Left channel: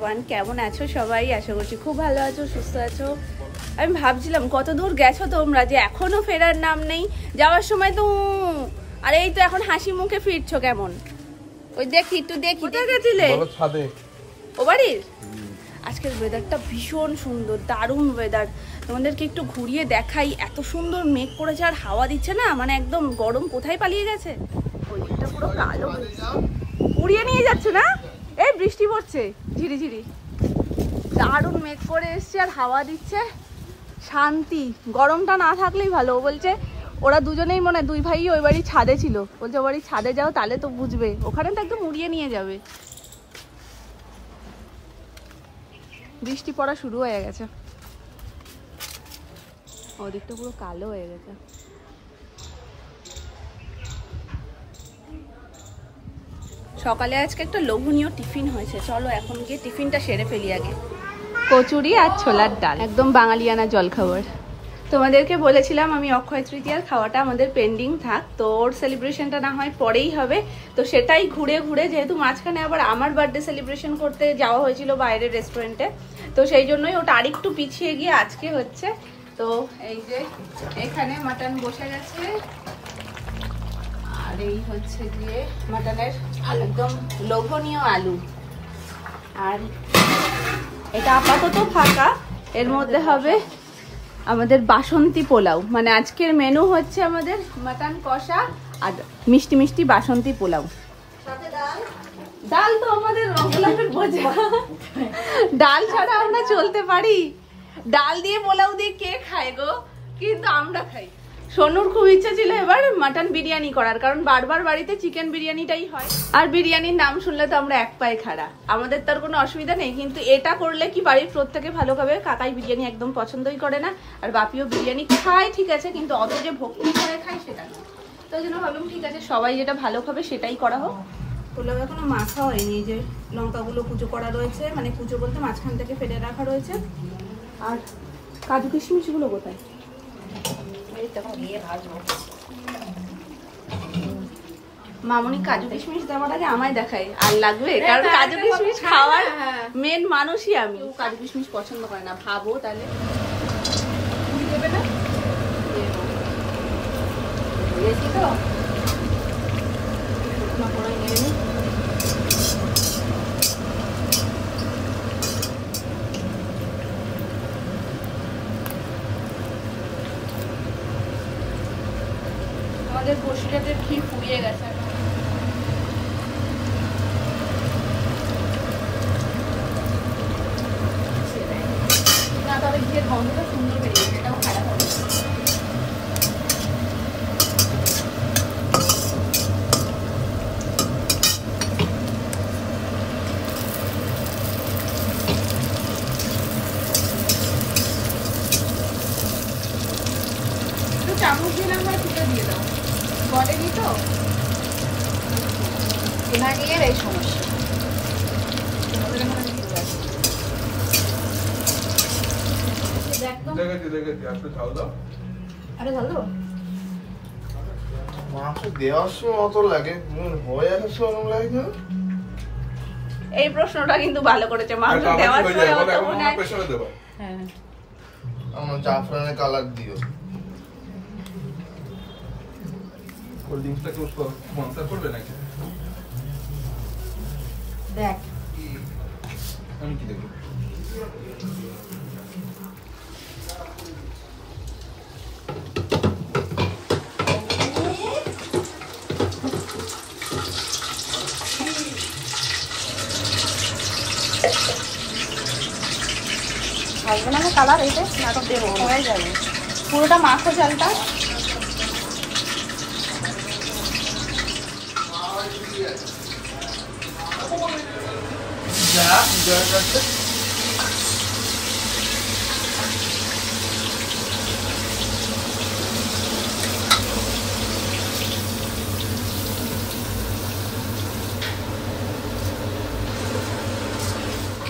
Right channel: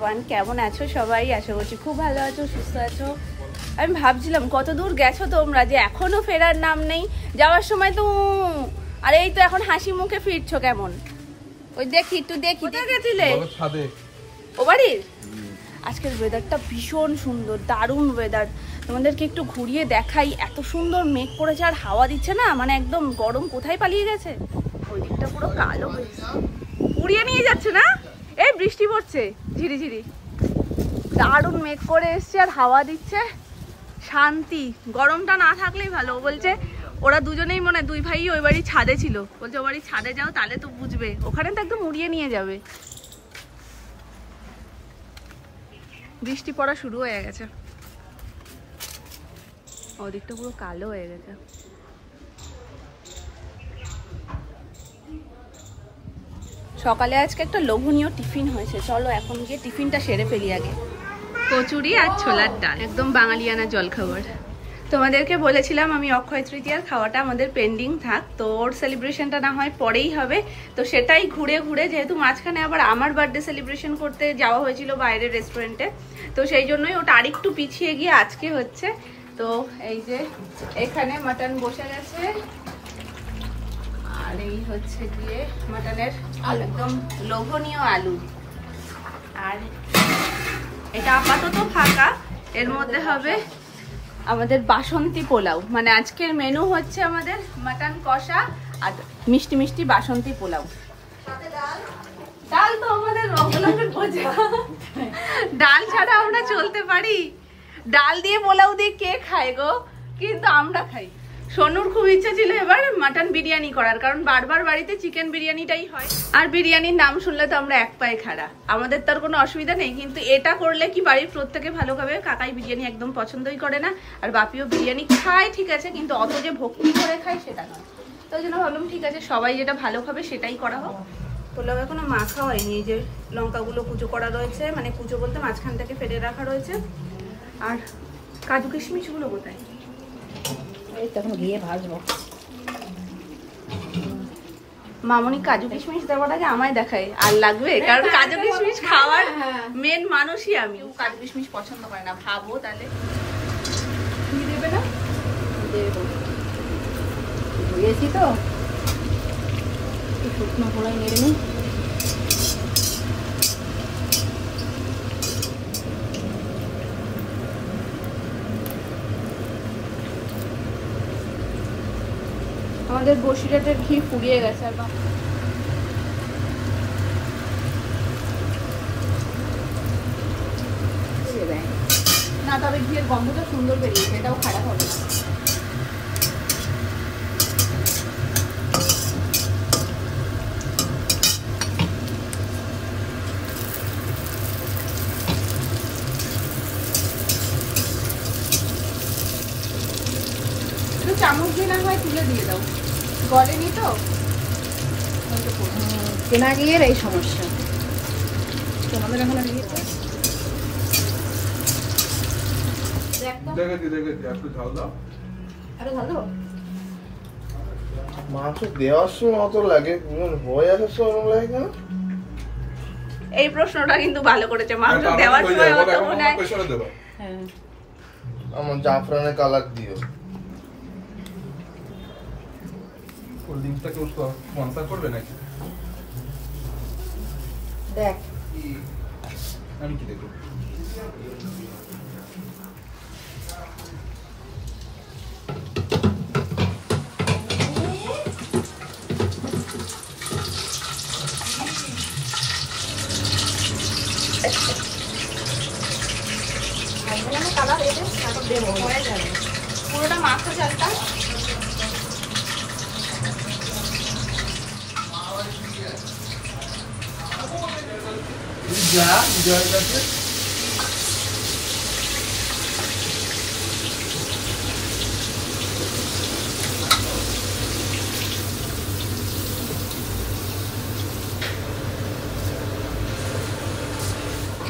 Everyone, কেমন আছো সবাই? আশা করছি খুব ভালো আছো, সুস্থ আছো। আমি ভাবছিলাম কত দূর গেছো তোমরা, যে এখনো ফেরার নাম নেই। যাওয়ার সময় তো আর এই তো এখন হাসি মুখে ফিরছো কেমন? ওই দেখি একটু দেখি, কোথায় গেছিলে? ও বাড়ির। আজকের ওয়েদারটা ভীষণ সুন্দর, দারুণ ওয়েদার। তোমাদেরকে একটু ঘুরিয়ে দেখাই। এত সুন্দর মেঘ করেছে আর হাওয়া দিচ্ছে না, মানে একদম গরম কোথায় পালিয়ে গেছে। ওই দিকটা পুরো কালো হয়েছে, উড়িয়ে নিয়ে যাচ্ছে না? এই বৃষ্টি পড়ছে ঝিরি ঝিরি, দারুণ মেঘ করে এসছে আর হাওয়া দিচ্ছে, শান্তি। গরমটা না থাকলেই ভালো। ও বলছে ওরা দুজনেই মনে দুই ভাই ওই বাড়ির ছাদে ছিল, বলছে ও বাড়ির ছাদে যাও তাহলে তো বুঝবে, ওখানে তো একদম উড়িয়ে নিয়ে যাবে। বৃষ্টি পড়া শুরু হয়ে গেছে, ওদিকটা পুরো কালো হয়ে গেছে। সকালে আজকে একটা লোভনীয় টিফিন হয়েছে, চলো এখন গিয়ে টিফিনটা সেরে ফেলি আগে। কচুরি আর ছোলার ডাল, একদম বাঙালিয়ানা জলখাবার। তোমাদেরকে বলেছিলাম আমি অক্ষয় তৃতীয়ার খাওয়াটা আমাদের পেন্ডিং থাক, তো ওর সেলিব্রেশনটা না হয় পরেই হবে। তো সেটাই ঘুরে ঘুরে, যেহেতু মাঝখানে আবার আমার বার্থডে সেলিব্রেশন করতে যাওয়া হয়েছিল বাইরের রেস্টুরেন্টে, তো সেই জন্যই ওটা আরেকটু পিছিয়ে গিয়ে আজকে হচ্ছে। তো এই যে এখানে মাটন বসে গেছে, আর এই হচ্ছে গিয়ে মাটনের একদম লোভনীয় আলু। আর এটা আপাতত ফাঁকা, এর মধ্যে হবে আমাদের বাসন্তী পোলাও। মানে আজকের মেনু হচ্ছে আমাদের মাটন কষা আর মিষ্টি মিষ্টি বাসন্তী পোলাও। ডাল তো আমাদের ডাল ছাড়া আমরা চলতে পারি? ডাল দিয়ে পোলাও দিয়ে কে খায় গো? কিন্তু আমরা খাই। সোনুর খুব ইচ্ছা ছিল এবার মাটন বিরিয়ানি করার, কারণ বারবার বাড়িতে চিকেন বিরিয়ানিটাই হয়, আর বিরিয়ানির নাম শুনলে তো আমরা এক পায়ে খাড়া। আমাদের তার কোনো অসুবিধা নেই, কিন্তু এটা করলে কি বাড়ির প্রত্যেকে ভালো খাবে। কাকাই বিরিয়ানি একদম পছন্দই করে না, আর বাপিও বিরিয়ানি খায় ঠিক আছে, কিন্তু অত যে ভক্তি করে খায় সেটা না। তো ওই জন্য ভাবলাম ঠিক আছে, সবাই যেটা ভালো খাবে সেটাই করা হোক। পোলাও এখনো মাখা হয়নি, যে লঙ্কাগুলো কুচো করা রয়েছে, মানে কুচো বলতে মাঝখান থেকে ফেলে রাখা রয়েছে। আর কাজু কিশমিশগুলো কোথায়? মামনি কাজু কিশমিশ দেওয়ার আগে আমায় দেখায় আর লাগবে, কারণ কাজু কিশমিশ খাওয়ার মেন মানুষই আমি। কাজু কিশমিশ পছন্দ করে না, ভাবো তাহলে তো আমাদের বসিরহাটের ঘি ফুরিয়ে গেছে না, তবে ঘিয়ের গন্ধটা সুন্দর বেরিয়েছে, এটাও খারাপ হবে। চামচ দিয়ে না হয় তুলে দিয়ে দাও, গলেনি তো কেনা গিয়ে এই সমস্যা। এই প্রশ্নটা কিন্তু ভালো করেছে, মাংস দেওয়ার সময় মনে হয় জাফরানের কালার দিও। কোল্ড ড্রিঙ্কসটা কেউ স্পন্সর করবে নাকি? দেখ আমি কি দেখব। কালার এটা হয়ে যাবে পুরোটা মাখো চালটা।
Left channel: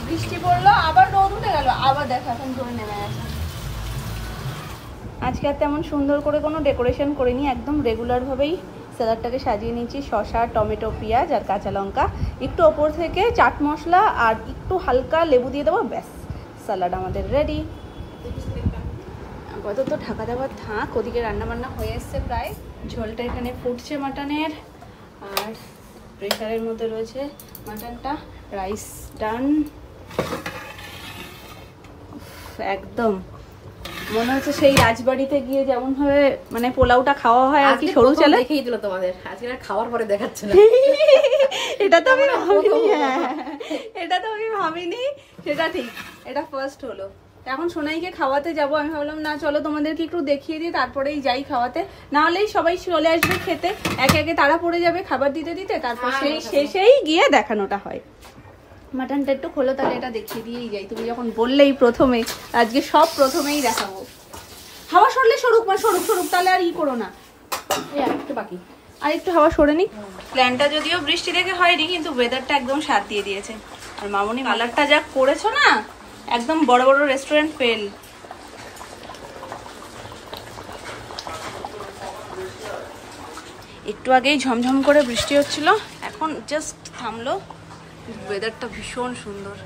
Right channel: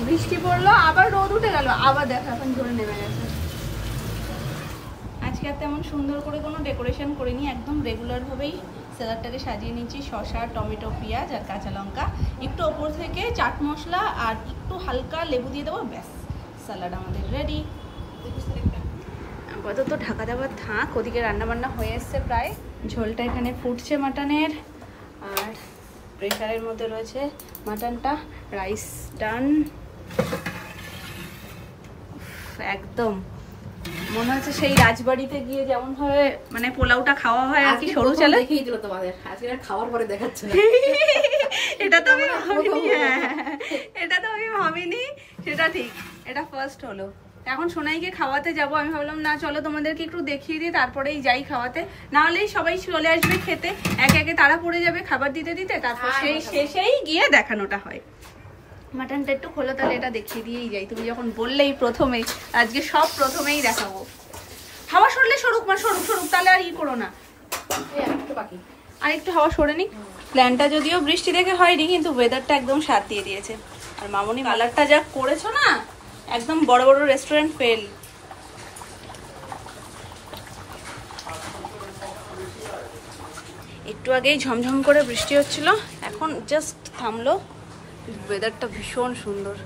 বৃষ্টি পড়লো, আবার রোদ উঠে গেল, আবার দেখা এখন ধরে নেমে গেছে। আজকে আর তেমন সুন্দর করে কোনো ডেকোরেশন করিনি, একদম রেগুলার ভাবেই স্যালাডটাকে সাজিয়ে নিয়েছি শসা, টমেটো, পেঁয়াজ আর কাঁচা লঙ্কা, একটু ওপর থেকে চাট মশলা আর একটু হালকা লেবু দিয়ে দেবো, ব্যাস স্যালাড আমাদের রেডি। আপাতত ঢাকা দেওয়ার থাক, ওদিকে রান্নাবান্না হয়ে এসছে প্রায়। ঝোলটা এখানে ফুটছে মাটনের, আর প্রেশারের মধ্যে রয়েছে মাটনটা। রাইস ডান, একদম মনে হচ্ছে সেই রাজবাড়িতে গিয়ে যেমন ভাবে মানে পোলাওটা খাওয়া হয় আর কি, সরু চালে দেখেই দিল তোমাদের, আজকে খাওয়ার পরে দেখাচ্ছে না। এটা তো আমি ভাবিনি, এটা তো আমি ভাবিনি, সেটা ঠিক, এটা ফার্স্ট হলো। এখন সোনাইকে খাওয়াতে যাব, আমি ভাবলাম না চলো তোমাদেরকে একটু দেখিয়ে দিই সেই যাই খাওয়াতে, না হলেই সবাই চলে আসবে খেতে, একে একে তারা পড়ে যাবে খাবার দিতে দিতে, তারপর সেই শেষেই গিয়ে দেখানোটা হয়। মাটনটা একটু খোলো তাহলে, এটা দেখিয়ে দিয়েই যাই, তুমি যখন বললেই প্রথমে, আজকে সব প্রথমেই দেখাবো। হাওয়া সরলে সরুক, মা সরুক সরুক, তাহলে আর ই করো না, বাকি আর একটু হাওয়া সরে নি। প্ল্যানটা যদিও বৃষ্টি দেখে হয়নি, কিন্তু ওয়েদারটা একদম সাথ দিয়ে দিয়েছে। আর মামনি কালারটা যা করেছো না, একদম বড় বড় রেস্টুরেন্ট ফেল। একটু আগেই ঝমঝম করে বৃষ্টি হচ্ছিল, এখন জাস্ট থামলো। ওয়েদারটা ভীষণ সুন্দর।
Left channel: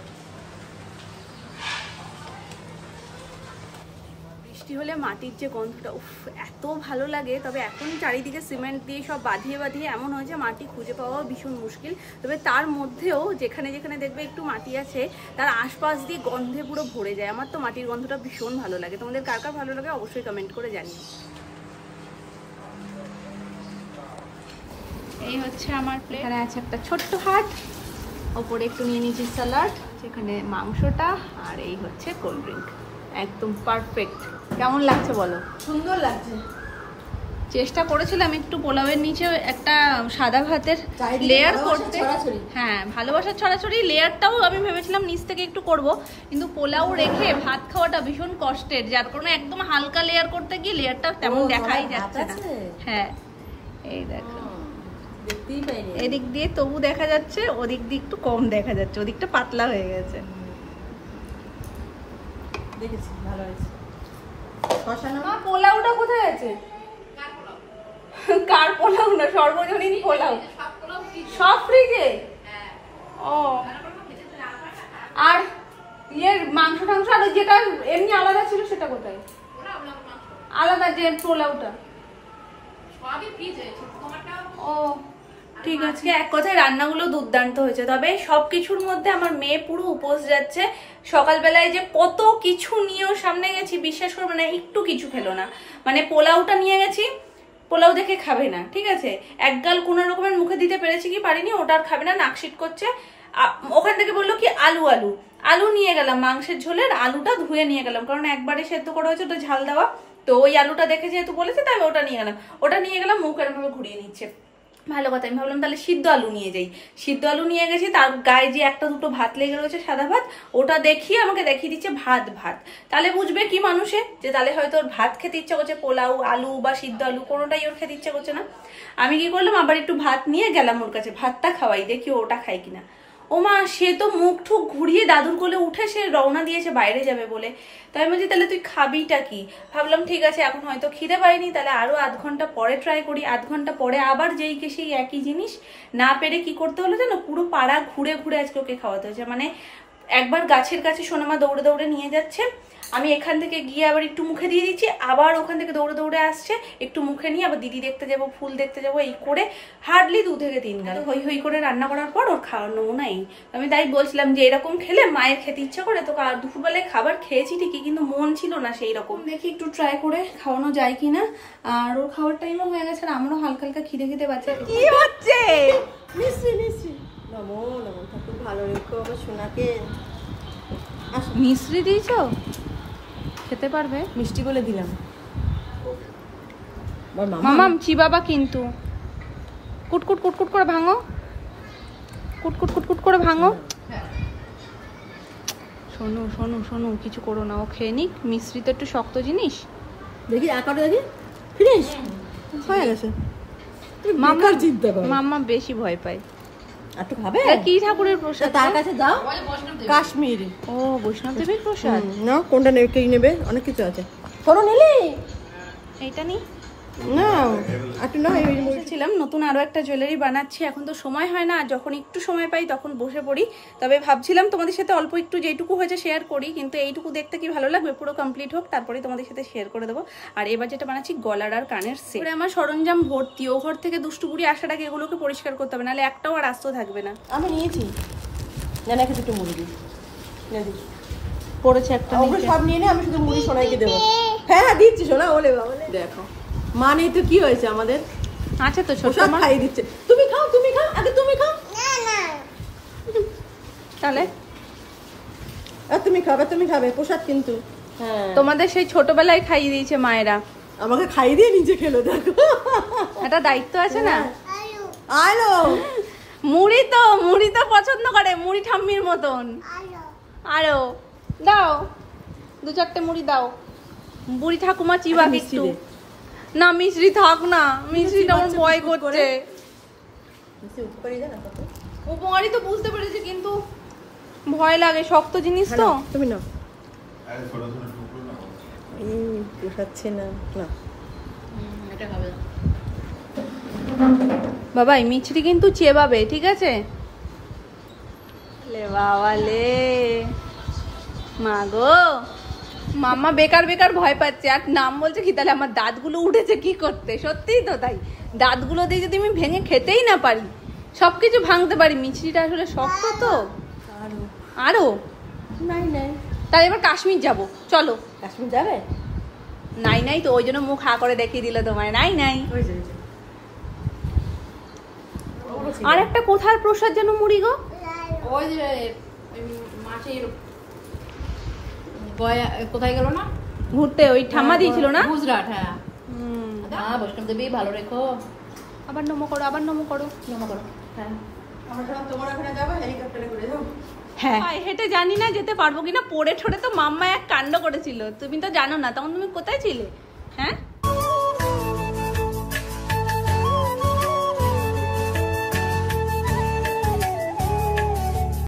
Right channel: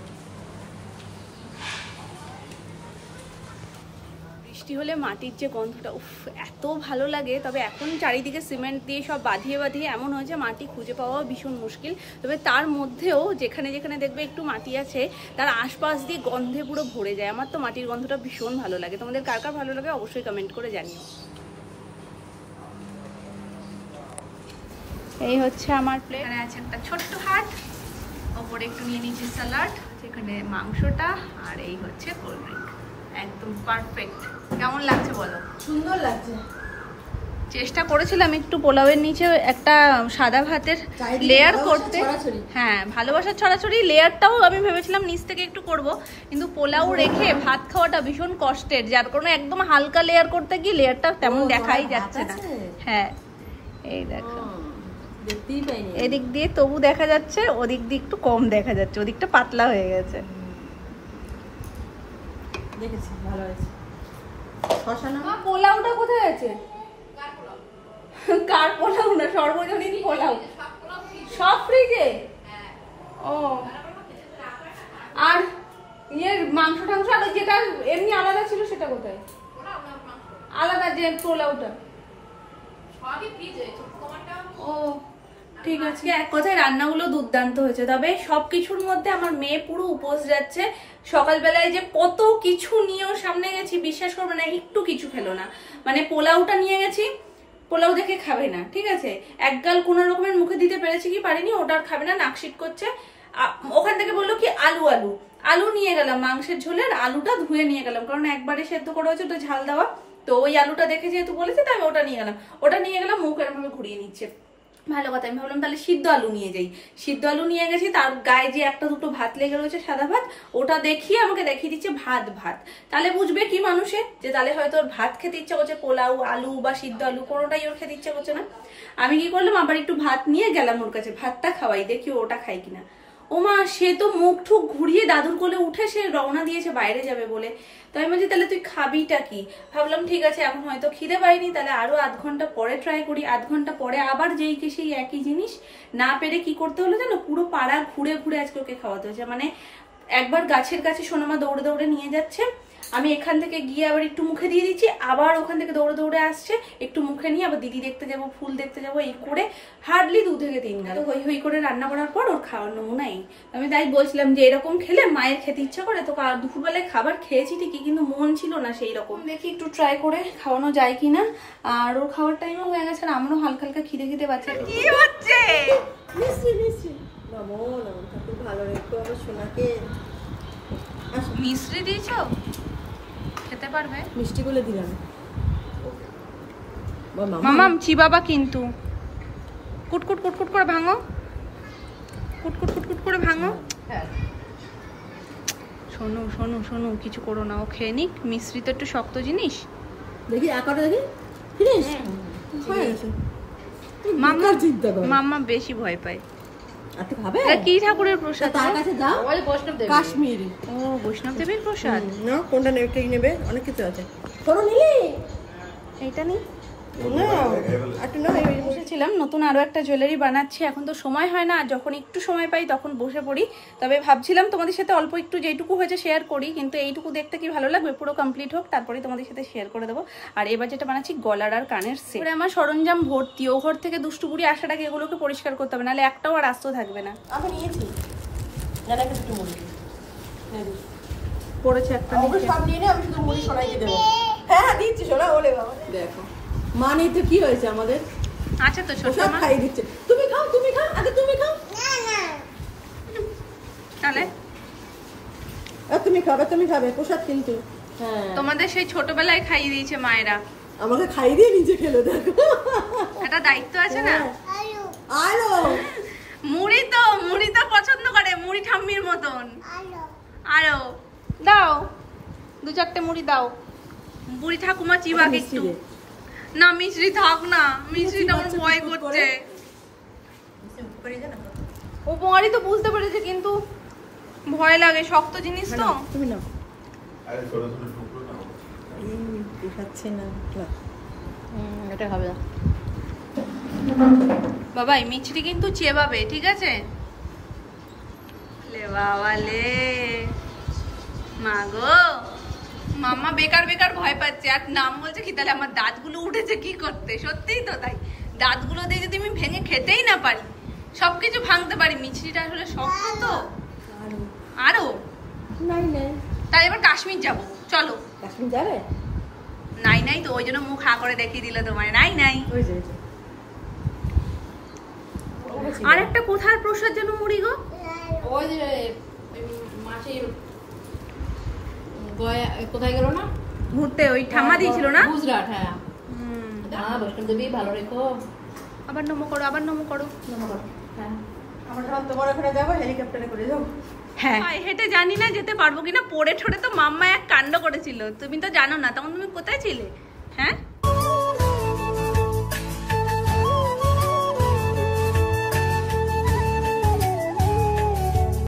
বৃষ্টি হলে মাটির যে গন্ধটা, উফ এত ভালো লাগে। তবে এখন চারিদিকে সিমেন্ট দিয়ে সব বাঁধিয়ে বাঁধিয়ে এমন হয়েছে মাটি খুঁজে পাওয়া ভীষণ মুশকিল। তবে তার মধ্যেও যেখানে যেখানে দেখবে একটু মাটি আছে, তার আশপাশ দিয়ে গন্ধে পুরো ভরে যায়। আমার তো মাটির গন্ধটা ভীষণ ভালো লাগে। তোমাদের কার কার ভালো লাগে অবশ্যই কমেন্ট করে জানিও। এই হচ্ছে আমার প্লেট, এখানে আছে একটা ছোট্ট হাট, ওপরে একটু নিয়ে নিয়েছি স্যালাড, এখানে মাংসটা, আর এই হচ্ছে কোল্ড ড্রিঙ্ক। একদম পারফেক্ট। কেমন লাগছে বলো? সুন্দর লাগছে। চেষ্টা করেছিলাম একটু পোলাওয়ের নিচে একটা সাদা ভাতের লেয়ার করতে, হ্যাঁ ভালোবাসার ছড়াছড়ি লেয়ারটাও আমি ভেবেছিলাম নিচ থেকে একটু করব, কিন্তু পোলাও রেখে ভাত খাওয়াটা ভীষণ কষ্টের, যার কারণে একদম হালকা লেয়ার করতে গিয়ে লেয়ারটা তেমন দেখাই যাচ্ছে না। হ্যাঁ এই দেখো, এদিক দিয়ে তবু দেখা যাচ্ছে, ওদিক দিয়ে একটু কম দেখা যাচ্ছে, ওদিকটা পাতলা হয়ে গেছে। দেখেছি ভালো হয়েছে। পোলাওটা কোথায় আছে? কার পোলাও না, সর্বজনীন পোলাও, সব ফ্রিজে। ও আর ইয়ের মাংস টাংস আর যেটা এমনি আলাদা ছিল সেটা কোথায়? আলাদা যে পোলাওটা ও ঠিক আছে। এক কথায় রান্নাগুলো দুর্দান্ত হয়েছে। তবে সবকিছুর মধ্যে আমার মেয়ে পুরো উপোস যাচ্ছে। সকালবেলায় যে কত কিছু নিয়েও সামনে গেছি, বিশ্বাস করবে না, একটু কিছু খেলো না। মানে পোলাওটা নিয়ে গেছি, পোলাও দেখে খাবে না, ঠিক আছে, এক গাল কোন রকমের মুখে দিতে পেরেছি কি পারিনি, ওটার খাবে না, নাকশিট করছে। ওখান থেকে বললো কি আলু আলু আলু নিয়ে গেলাম, মাংসের ঝোলের আলুটা ধুয়ে নিয়ে গেলাম, কারণ একবারে সেদ্ধ করা হয়েছে, ওটা ঝাল দেওয়া, তো ওই আলুটা দেখে যেহেতু বলেছে তাই ওটা নিয়ে গেলাম। ওটা নিয়ে গেলাম, মুখ এরকম ভাবে ঘুরিয়ে নিচ্ছে। ভালো কথা, আমি ভাবলাম তাহলে সিদ্ধ আলু নিয়ে যাই। সিদ্ধ আলু নিয়ে গেছি, তার গায়ে যে একটা দুটো ভাত লেগে রয়েছে সাদা ভাত, ওটা দেখিয়ে আমাকে দেখিয়ে দিচ্ছে ভাত ভাত। তাহলে বুঝবে কি মানুষে, যে তাহলে হয়তো ওর ভাত খেতে ইচ্ছা করছে, পোলাও আলু বা সিদ্ধ আলু কোনোটাই ওর খেতে ইচ্ছা করছে না। আমি কি করলাম, আবার একটু ভাত নিয়ে গেলাম ওর কাছে, ভাতটা খাওয়াই, দেখি ওটা খাই কিনা। ও মা, সে তো মুখ ঠুক ঘুরিয়ে দাদুর কোলে উঠে সে রওনা দিয়েছে বাইরে যাবে বলে। তো আমি বলছি তাহলে তুই খাবিটা কি? ভাবলাম ঠিক আছে এখন হয়তো খিদে পাইনি, তাহলে আরো আধ ঘন্টা পরে ট্রাই করি। আধ ঘন্টা পরে আবার যেই কে সেই একই জিনিস না পেরে কি করতে হলো জানো, পুরো পাড়া ঘুরে ঘুরে আজকে ওকে খাওয়াতে হয়েছে। মানে একবার গাছের কাছে সোনামা দৌড়ে দৌড়ে নিয়ে যাচ্ছে, আমি এখান থেকে গিয়ে আবার একটু মুখে দিয়ে দিচ্ছি, আবার ওখান থেকে দৌড়ে দৌড়ে আসছে, একটু মুখে নিয়ে আবার দিদি দেখতে যাবো, ফুল দেখতে যাবো, এই করে হার্ডলি 2 থেকে 3 গাল হই হই করে রান্না করার পর ওর খাওয়ার নমুনা এই। আমি তাই বলছিলাম যে এরকম খেলে মায়ের খেতে ইচ্ছা করে। তো দুপুরবেলায় খাবার খেয়েছি ঠিকই, কিন্তু মন ছিল না সেই রকম। দেখি একটু ট্রাই করে খাওয়ানো যায় কিনা। আর ওর খাওয়ার টাইমও হয়ে গেছে, আর আমারও হালকা হালকা খিদে খিদে পাচ্ছে। কি হচ্ছে? নমো নমো, ঠাকুর ভালো রেখো আবার সোনাকে। মিষ্টি দিয়েছো? খেতে পারবে? মিষ্টি বলে দিলাম। মামাম চিবাবা কিন্তু। কুটকুট কুটকুট করে ভাঙো, কুটকুট কুটকুট করে ভাঙো। শোনো শোনো শোনো, কিছু করো না, ও খেয়ে নিক। মিষ্টি তো একটু শক্ত জিনিস। দেখি একটা দেখি, ফিনিশ হয়ে গেছে। মামা জিদ্দা করে, মামা বেশি ভয় পায়। এত খাবে? কি ঠাকুরের প্রসাদ? তার কাছে দাও, কাশ্মীরি। ও বৈষ্ণব দেবের প্রসাদ না, কোনটা নেবে, কে নেবে, অনেক কিছু আছে। সরো নিলি এইটা নি, ছিলাম নতুন আরো একটা জুয়েলারি বানাচ্ছি, এখন তো সময় হয় না, যখন একটু সময় পাই তখন বসে পড়ি। তবে ভাবছিলাম তোমাদের সাথে অল্প একটু যেটুকু হয়েছে শেয়ার করি, কিন্তু এইটুকু দেখতে কি ভালো লাগবে, পুরো কমপ্লিট হোক তারপরে তোমাদের সাথে শেয়ার করে দেবো। আর এবার যেটা বানাচ্ছি গলার আর কানের সেট, আমার সরঞ্জাম ভর্তি। ও ঘর থেকে দুষ্টু বুড়ি আসার আগে এগুলোকে পরিষ্কার করতে হবে, নাহলে একটাও আর আস্ত থাকবে না। আমি নিয়েছি পড়েছে একটা সব নিয়ে নে, আমি শুধু মুড়ি সোনাইকে দেবো। হ্যাঁ দিচ্ছি সোনা, বলে বাবা দেখো মা নেই তো কি হয়েছে আমাদের, আচ্ছা তো সব খাইয়ে দিচ্ছে। তুমি খাও আগে তুমি খাও। তাহলে তুমি খাবে প্রসাদ কিন্তু। হ্যাঁ তোমাদের সেই ছোটবেলায় খাইয়ে দিয়েছে মায়েরা, আমাকে খাইয়ে দিয়ে নিজে খেলো, দেখো একটা দায়িত্ব আছে না। আলো মুড়ি তো পছন্দ করে, মুড়ি ঠাম্মির মতন। আরো দাও 2-4টে মুড়ি দাও। বুড়ি ঠাকুমা চিবা একটু না, মিশ্রি থাক না, মিশ্রিটা আমার ভয় করছে। উপকারী তো বুঝতে পেরেছে, কিন্তু ভয় লাগে, শক্ত জিনিস তো। তুমি নাও, খাচ্ছে না এটা খাবে বাবা, এই মিছরি কিন্তু চেবাবে, ঠিক আছে? লে বাবা লে, মা গো, মাম্মা বেকার ভয় পাচ্ছে। আর নাম বলছে কি, তাহলে আমার দাঁতগুলো উঠেছে কি করতে? সত্যিই তো তাই, দাঁতগুলো দিয়ে যদি আমি ভেঙে খেতেই না পারি, সবকিছু ভাঙতে পারি, মিছরিটা আসলে শক্ত তো। আরো নাই তাহলে এবার কাশ্মীর যাব, চলো। কাশ্মীর যাবে? নাই তো, ওই জন্য মুখ হা করে দেখিয়ে দিল তোমায়। নাই আর একটা কোথার প্রসাদ যেন মুড়ি গো, ওই যে মাছের গয়া কোথায় গেল না ঘুরতে, ওই ঠাম্মা দিয়েছিল না গুজরাট। হ্যাঁ বৈষ্ণব দেবী ভালো রেখো। আবার নমো করো হ্যাঁ আমরা সব তোমার ওখানে যাবো, হেলিকপ্টারে করে যাবো। হ্যাঁ হেঁটে জানি না যেতে পারবো কিনা, পড়ে ঠোড়ে তো মাম্মা এক কাণ্ড করেছিল, তুমি তো জানো না, তখন তুমি কোথায় ছিলে? হ্যাঁ